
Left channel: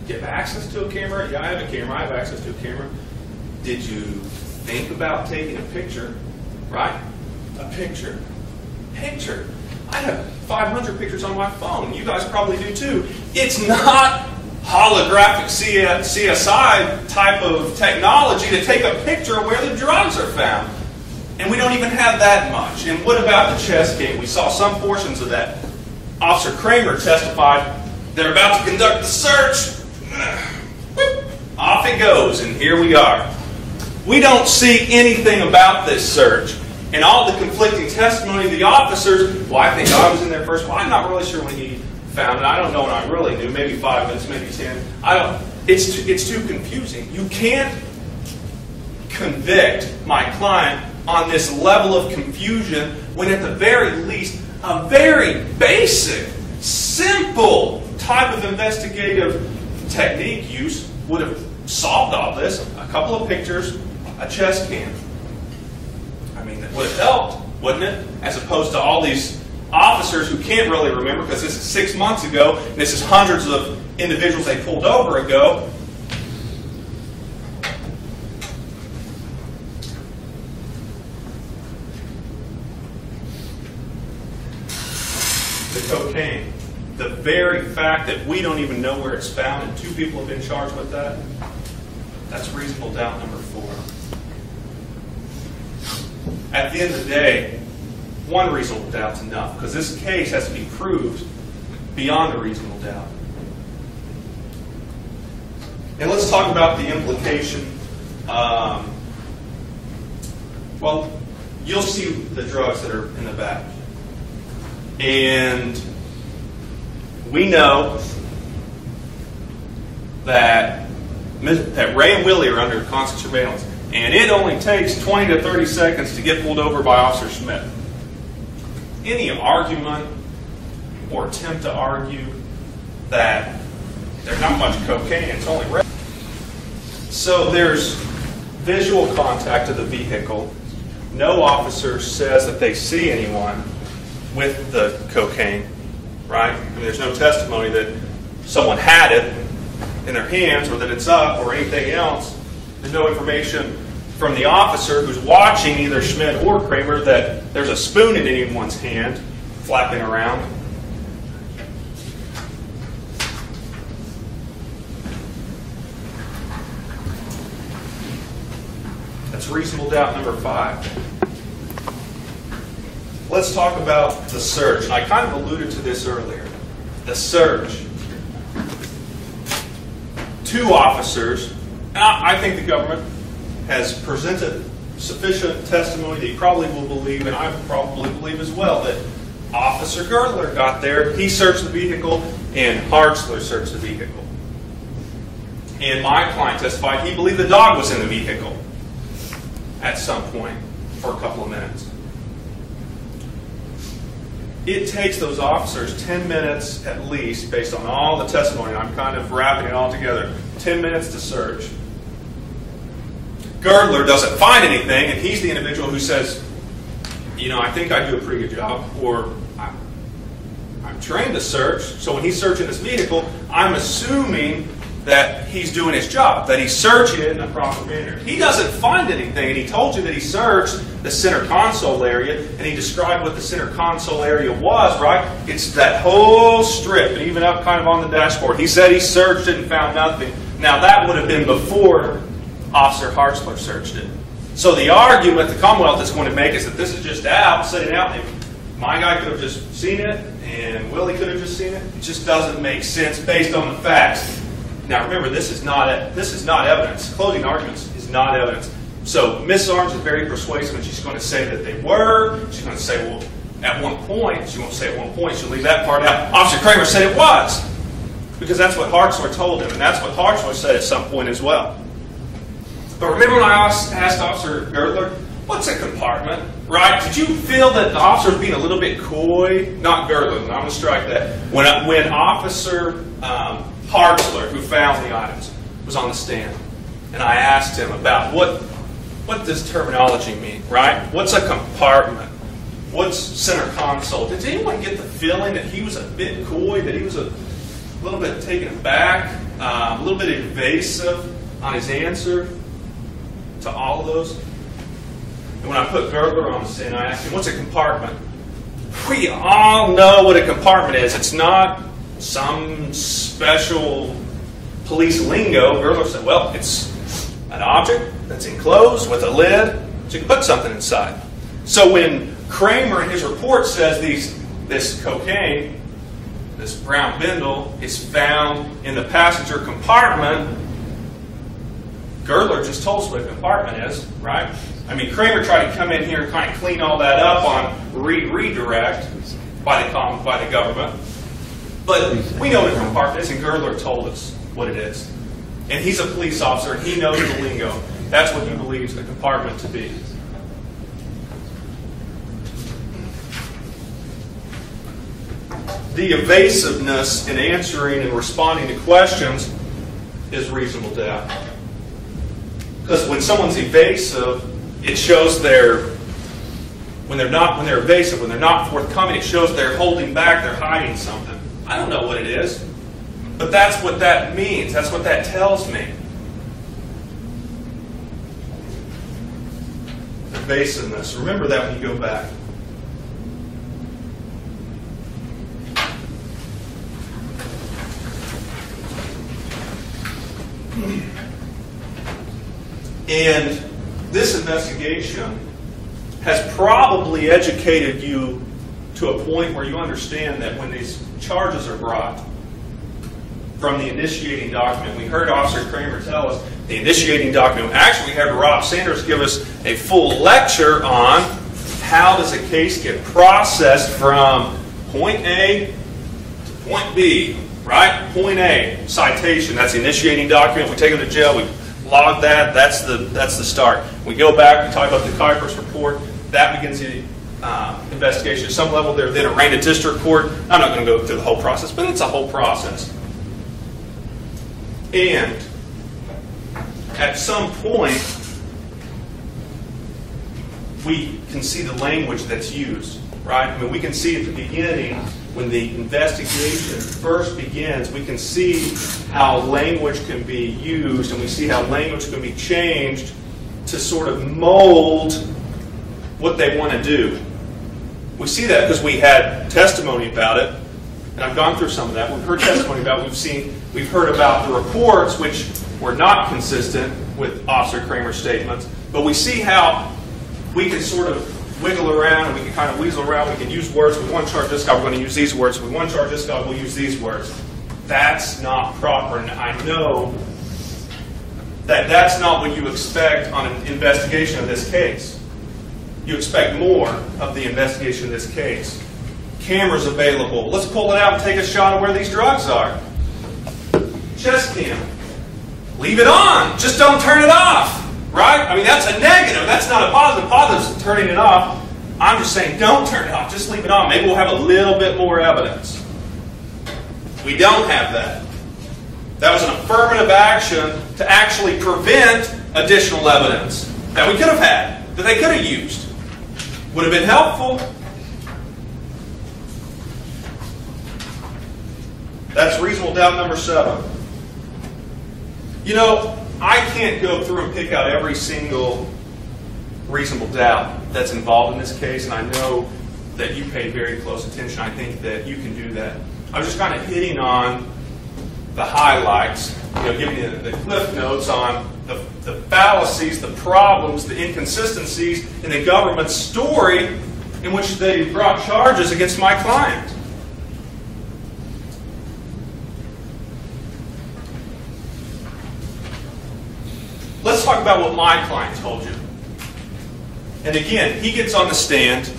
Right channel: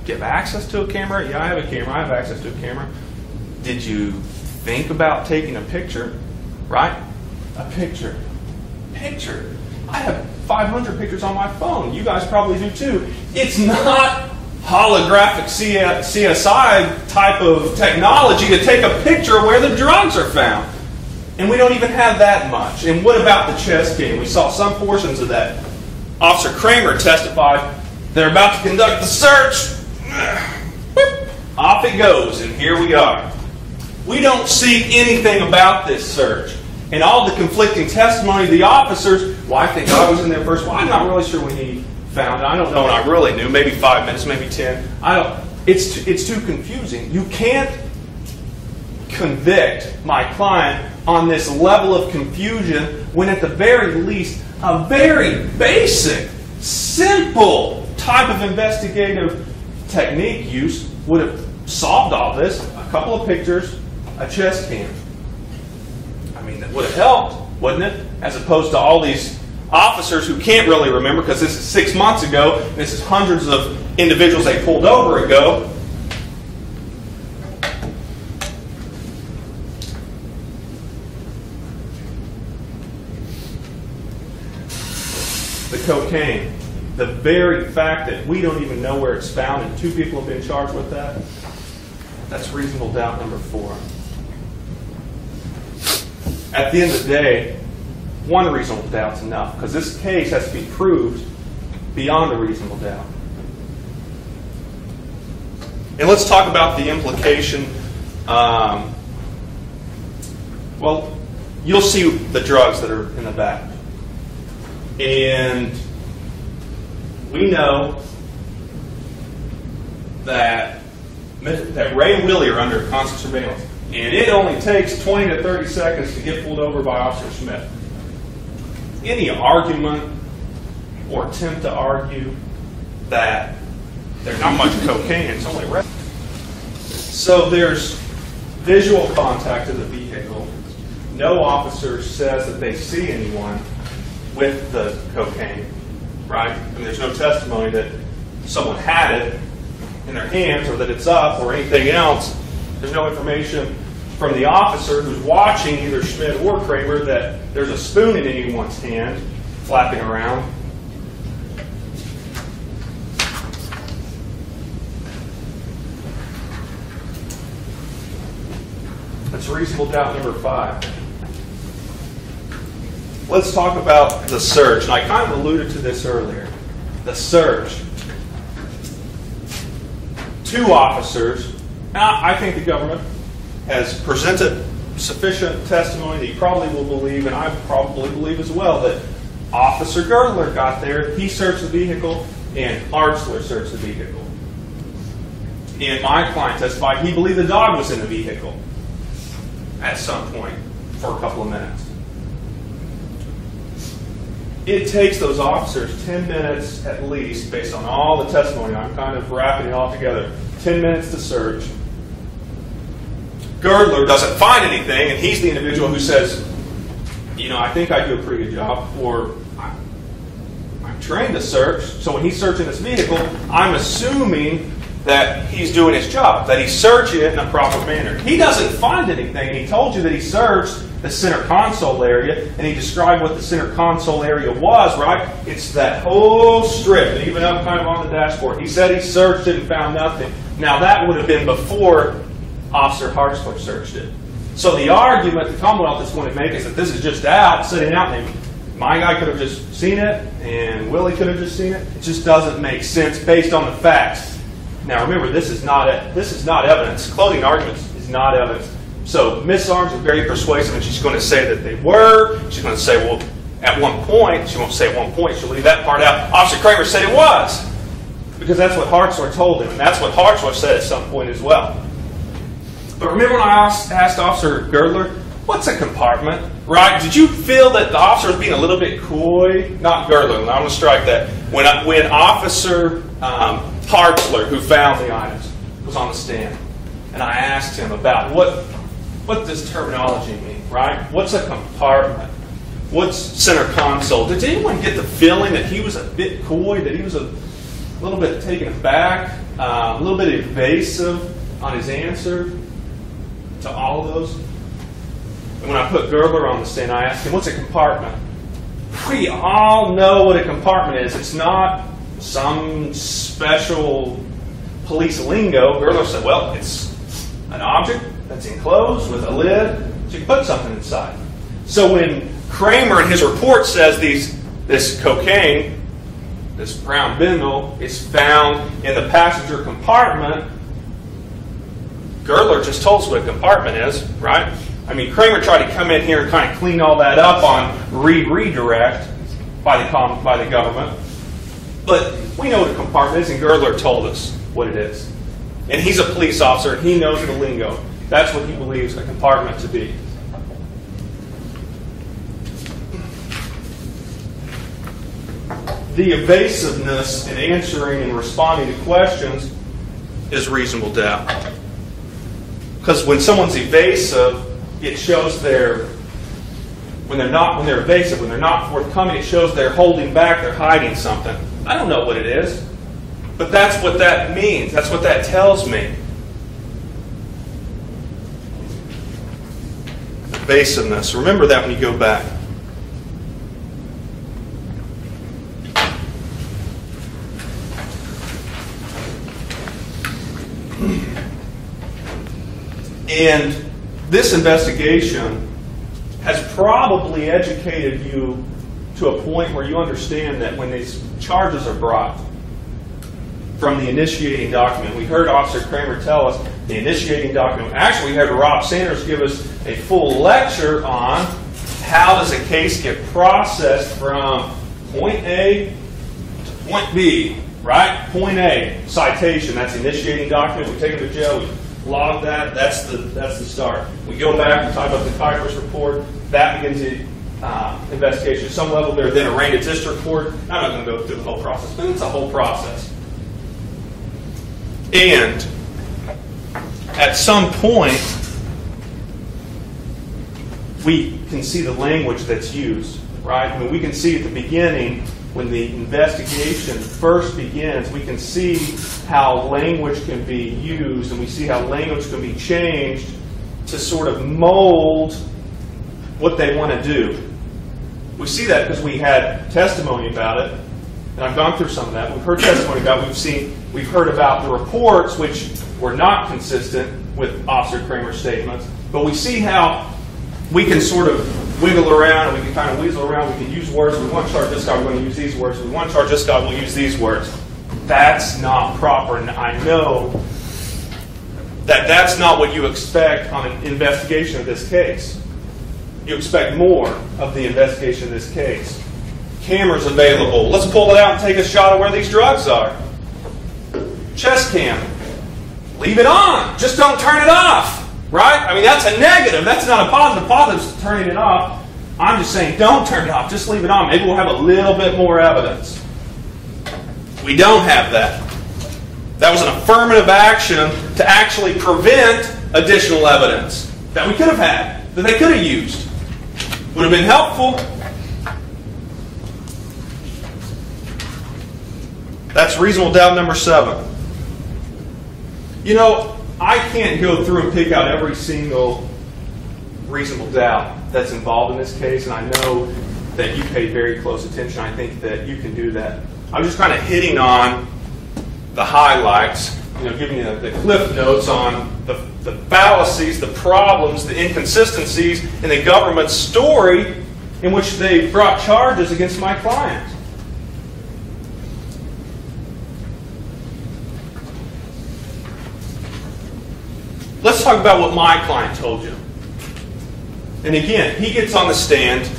Do you have access to a camera? Yeah, I have a camera. I have access to a camera. Did you think about taking a picture? Right? A picture. Picture. I have 500 pictures on my phone. You guys probably do too. It's not holographic CSI type of technology to take a picture where the drugs are found. And we don't even have that much. And what about the chess game? We saw some portions of that. Officer Kramer testified, they're about to conduct the search. Off it goes, and here we are. We don't see anything about this search. And all the conflicting testimony of the officers, well, I think I was in there first. Well, I'm not really sure when he found it. I don't know when I really knew. Maybe 5 minutes, maybe 10. It's too confusing. You can't convict my client on this level of confusion when at the very least a very basic, simple type of investigative technique use would have solved all this. A couple of pictures, a chest cam. I mean, it would have helped, wouldn't it? As opposed to all these officers who can't really remember because this is 6 months ago, and this is hundreds of individuals they pulled over ago. The cocaine. The very fact that we don't even know where it's found and 2 people have been charged with that, that's reasonable doubt number 4. At the end of the day, 1 reasonable doubt's enough because this case has to be proved beyond a reasonable doubt. And let's talk about the implication. Well, you'll see the drugs that are in the back. And we know that Ray and Willie are under constant surveillance. And it only takes 20 to 30 seconds to get pulled over by Officer Smith. Any argument or attempt to argue that there's not much cocaine, it's only red. So there's visual contact of the vehicle. No officer says that they see anyone with the cocaine, right? I mean, there's no testimony that someone had it in their hands or that it's up or anything else. There's no information from the officer who's watching either Schmidt or Kramer that there's a spoon in anyone's hand flapping around. That's reasonable doubt number 5. Let's talk about the search. And I kind of alluded to this earlier. The search. 2 officers. Now, I think the government has presented sufficient testimony that you probably will believe, and I probably believe as well, that Officer Girdler got there, he searched the vehicle, and Hartzler searched the vehicle. And my client testified he believed the dog was in the vehicle at some point for a couple of minutes. It takes those officers 10 minutes at least, based on all the testimony, and I'm kind of wrapping it all together, 10 minutes to search. Girdler doesn't find anything, and he's the individual who says, you know, I think I do a pretty good job, or I'm trained to search, so when he's searching this vehicle, I'm assuming that he's doing his job, that he's searching it in a proper manner. He doesn't find anything, and he told you that he searched the center console area, and he described what the center console area was, right? It's that whole strip, and even up kind of on the dashboard. He said he searched it and found nothing. Now, that would have been before Officer Hartzler searched it. So the argument the Commonwealth is going to make is that this is just out, sitting out, and my guy could have just seen it, and Willie could have just seen it. It just doesn't make sense based on the facts. Now, remember, this is not evidence. Closing arguments is not evidence. So Miss Arms is very persuasive, and she's going to say that they were. She's going to say, well, at one point. She won't say at one point. She'll leave that part out. Officer Kramer said it was, because that's what Hartzler told him, and that's what Hartzler said at some point as well. But remember when I asked Officer Girdler, what's a compartment, right? Did you feel that the officer was being a little bit coy? Not Girdler. I'm going to strike that. When Officer Hartzler, who found the items, was on the stand, and I asked him about what does terminology mean, right? What's a compartment? What's center console? Did anyone get the feeling that he was a bit coy, that he was a little bit taken aback, a little bit evasive on his answer to all of those? And when I put Girdler on the stand, I asked him, what's a compartment? We all know what a compartment is. It's not some special police lingo. Girdler said, well, it's an object that's enclosed with a lid, so you can put something inside. So when Kramer in his report says this cocaine, this brown bindle, is found in the passenger compartment, Girdler just told us what a compartment is, right? I mean, Kramer tried to come in here and kind of clean all that up on redirect by the government. But we know what a compartment is, and Girdler told us what it is. And he's a police officer, and he knows the lingo. That's what he believes a compartment to be. the evasiveness in answering and responding to questions is reasonable doubt. Because when someone's evasive, it shows when they're evasive, when they're not forthcoming, it shows they're holding back, they're hiding something. I don't know what it is, but that's what that means. That's what that tells me. Evasiveness. Remember that when you go back. And this investigation has probably educated you to a point where you understand that when these charges are brought from the initiating document, we heard Officer Kramer tell us the initiating document. Actually, we heard Rob Sanders give us a full lecture on how does a case get processed from point A to point B, right? Point A, citation, that's the initiating document. We take them to jail, we log that, that's the start. We go back, we talk about the Kuipers report, that begins the investigation. At some level, they're then arraigned at district court. I'm not going to go through the whole process, but it's a whole process. And at some point, we can see the language that's used, right? I mean, we can see at the beginning, when the investigation first begins, we can see how language can be used, and we see how language can be changed to sort of mold what they want to do. We see that because we had testimony about it, and I've gone through some of that. We've heard testimony about it. We've heard about the reports, which were not consistent with Officer Kramer's statements, but we see how we can sort of wiggle around, and we can kind of weasel around. We can use words. We want to charge this guy, we're going to use these words. We want to charge this guy, we'll use these words. That's not proper, and I know that that's not what you expect on an investigation of this case. You expect more of the investigation of this case. Cameras available. Let's pull it out and take a shot of where these drugs are. Chest cam. Leave it on. Just don't turn it off. Right? I mean, that's a negative. That's not a positive. Positive is turning it off. I'm just saying don't turn it off. Just leave it on. Maybe we'll have a little bit more evidence. We don't have that. That was an affirmative action to actually prevent additional evidence that we could have had, that they could have used. Would have been helpful. That's reasonable doubt number 7. You know, I can't go through and pick out every single reasonable doubt that's involved in this case, and I know that you pay very close attention. I think that you can do that. I'm just kind of hitting on the highlights, giving you the cliff notes on the fallacies, the problems, the inconsistencies in the government's story in which they brought charges against my client. Let's talk about what my client told you. And again, he gets on the stand,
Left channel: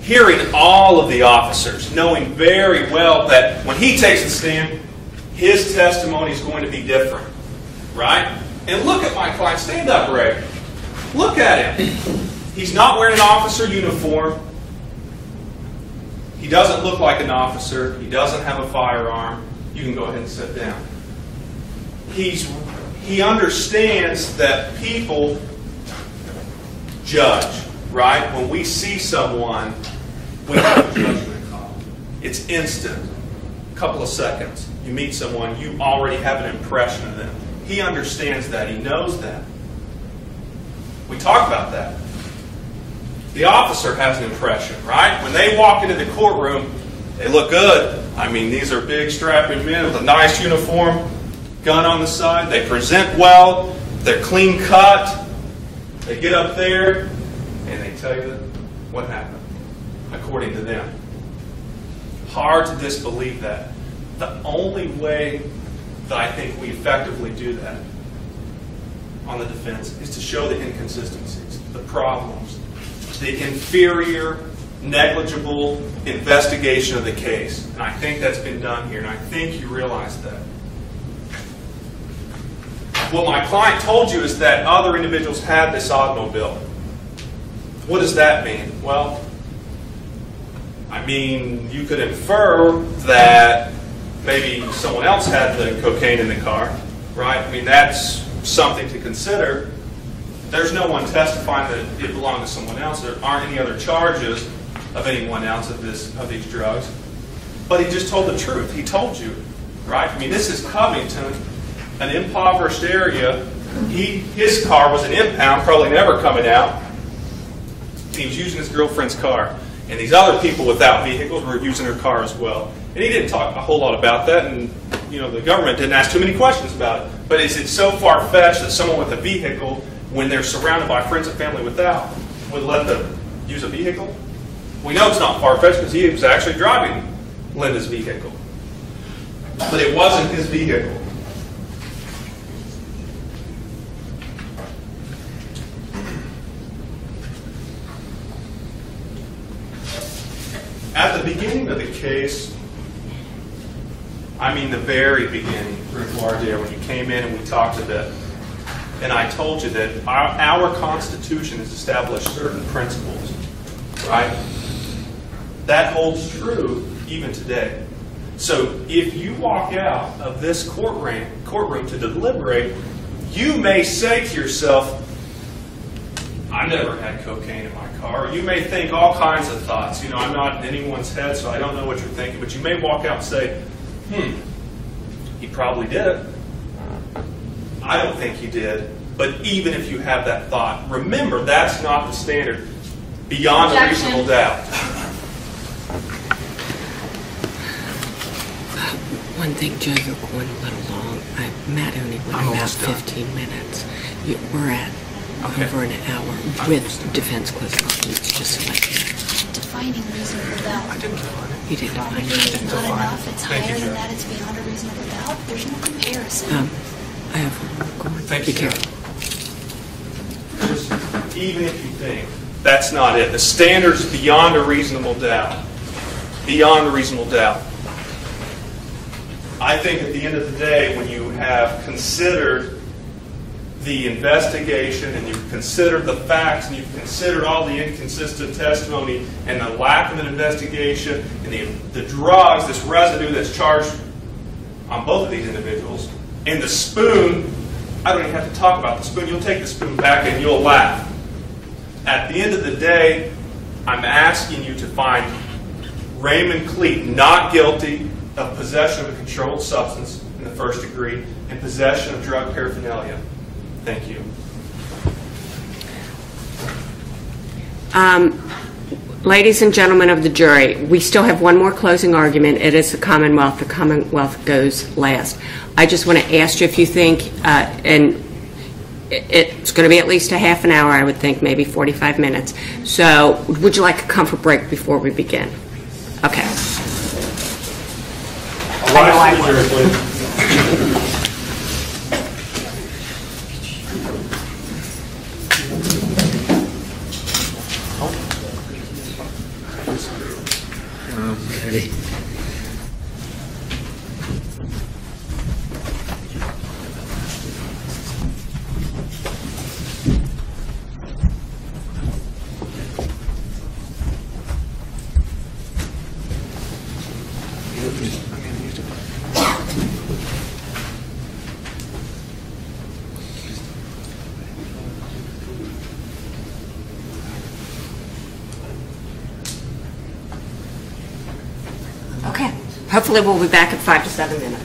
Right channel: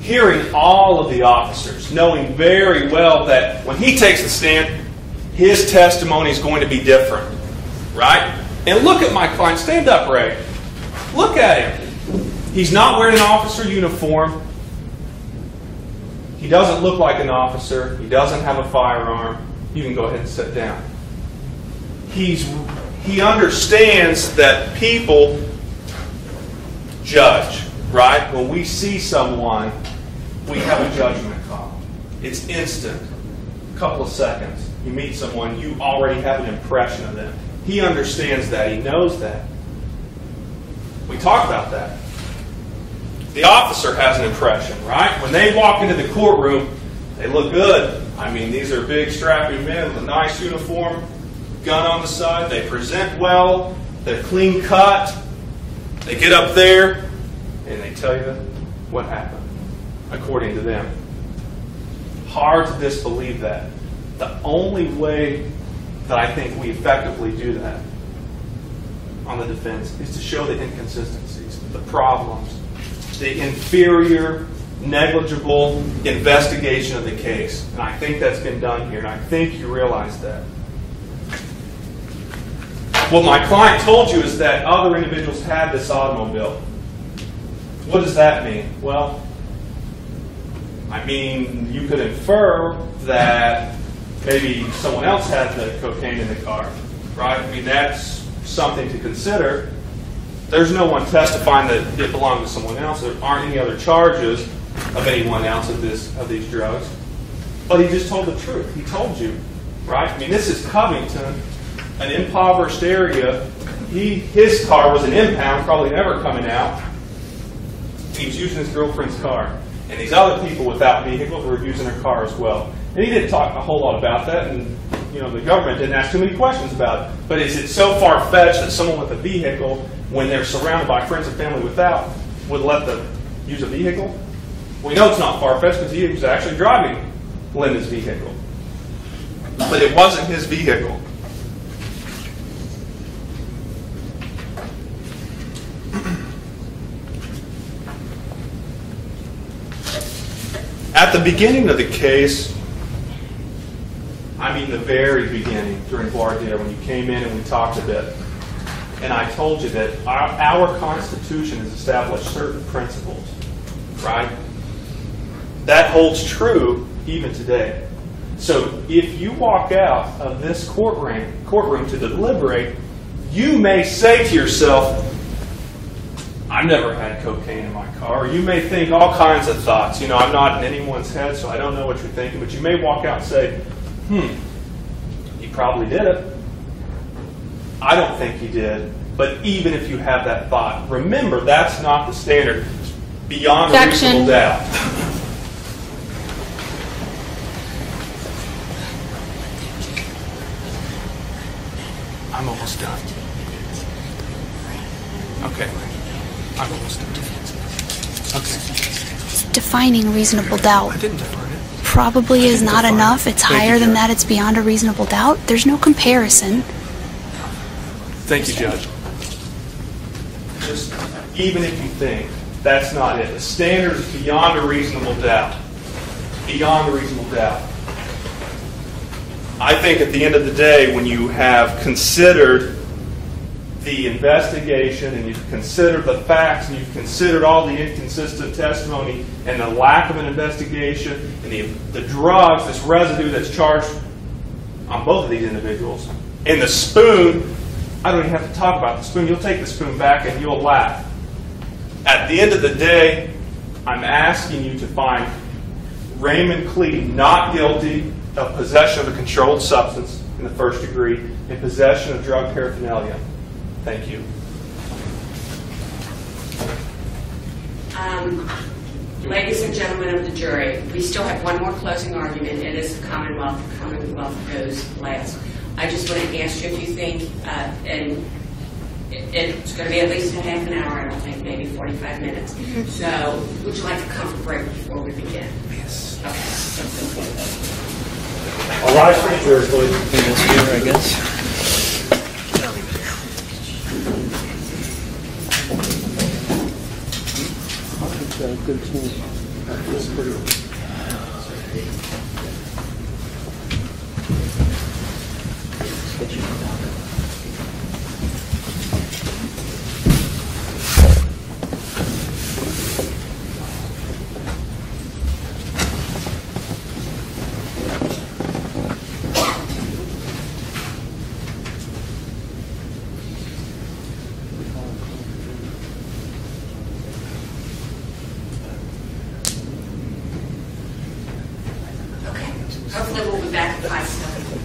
hearing all of the officers, knowing very well that when he takes the stand, his testimony is going to be different. Right? And look at my client. Stand up, Ray. Look at him. He's not wearing an officer uniform. He doesn't look like an officer. He doesn't have a firearm. You can go ahead and sit down. He understands that people judge, right? When we see someone, we have a judgment call. It's instant. A couple of seconds. You meet someone, you already have an impression of them. He understands that. He knows that. We talk about that. The officer has an impression, right? When they walk into the courtroom, they look good. I mean, these are big, strapping men with a nice uniform, gun on the side. They present well. They're clean cut. They get up there, and they tell you what happened, according to them. Hard to disbelieve that. The only way that I think we effectively do that on the defense is to show the inconsistencies, the problems, the inferior, negligible investigation of the case. And I think that's been done here, and I think you realize that. What my client told you is that other individuals had this automobile. What does that mean? Well, I mean, you could infer that maybe someone else had the cocaine in the car, right? I mean, that's something to consider. There's no one testifying that it belonged to someone else. There aren't any other charges of anyone else of these drugs. But he just told the truth. He told you, right? I mean, this is Covington, an impoverished area. His car was an impound, probably never coming out. He was using his girlfriend's car. And these other people without vehicles were using her car as well. And he didn't talk a whole lot about that, and the government didn't ask too many questions about it. But is it so far-fetched that someone with a vehicle, when they're surrounded by friends and family without, would let them use a vehicle? We know it's not far-fetched because he was actually driving Linda's vehicle. But it wasn't his vehicle. At the beginning of the case, I mean the very beginning, during voir dire, when you came in and we talked a bit, and I told you that our Constitution has established certain principles, right? That holds true even today. So if you walk out of this courtroom to deliberate, you may say to yourself, I've never had cocaine in my car. Or you may think all kinds of thoughts. I'm not in anyone's head, so I don't know what you're thinking. But you may walk out and say, he probably did it. I don't think he did. But even if you have that thought, remember, that's not the standard. Beyond a reasonable doubt. One thing, Joe, you're going a little long. Matt only went about 15 minutes. We're at over an hour with defense counsel. Defining reasonable doubt I didn't define it. probably is not enough. It's higher than that. It's beyond a reasonable doubt. There's no comparison. Thank you, Joe. Just, even if you think that's not it, the standard's beyond a reasonable doubt. Beyond a reasonable doubt. I think at the end of the day, when you have considered the investigation and you've considered the facts and you've considered all the inconsistent testimony and the lack of an investigation and the drugs, this residue that's charged on both of these individuals, and the spoon, I don't even have to talk about the spoon. You'll take the spoon back and you'll laugh. At the end of the day, I'm asking you to find Raymond Cleet not guilty of possession of a controlled substance in the first degree and possession of drug paraphernalia. Thank you. Ladies and gentlemen of the jury, we still have one more closing argument. It is the Commonwealth. The Commonwealth goes last. I just want to ask you if you think, and it's going to be at least a half an hour, I would think, maybe 45 minutes. So would you like a comfort break before we begin? Yes. Okay. All rise for the jury, please. Okay. Hopefully we'll be back in 5 to 7 minutes.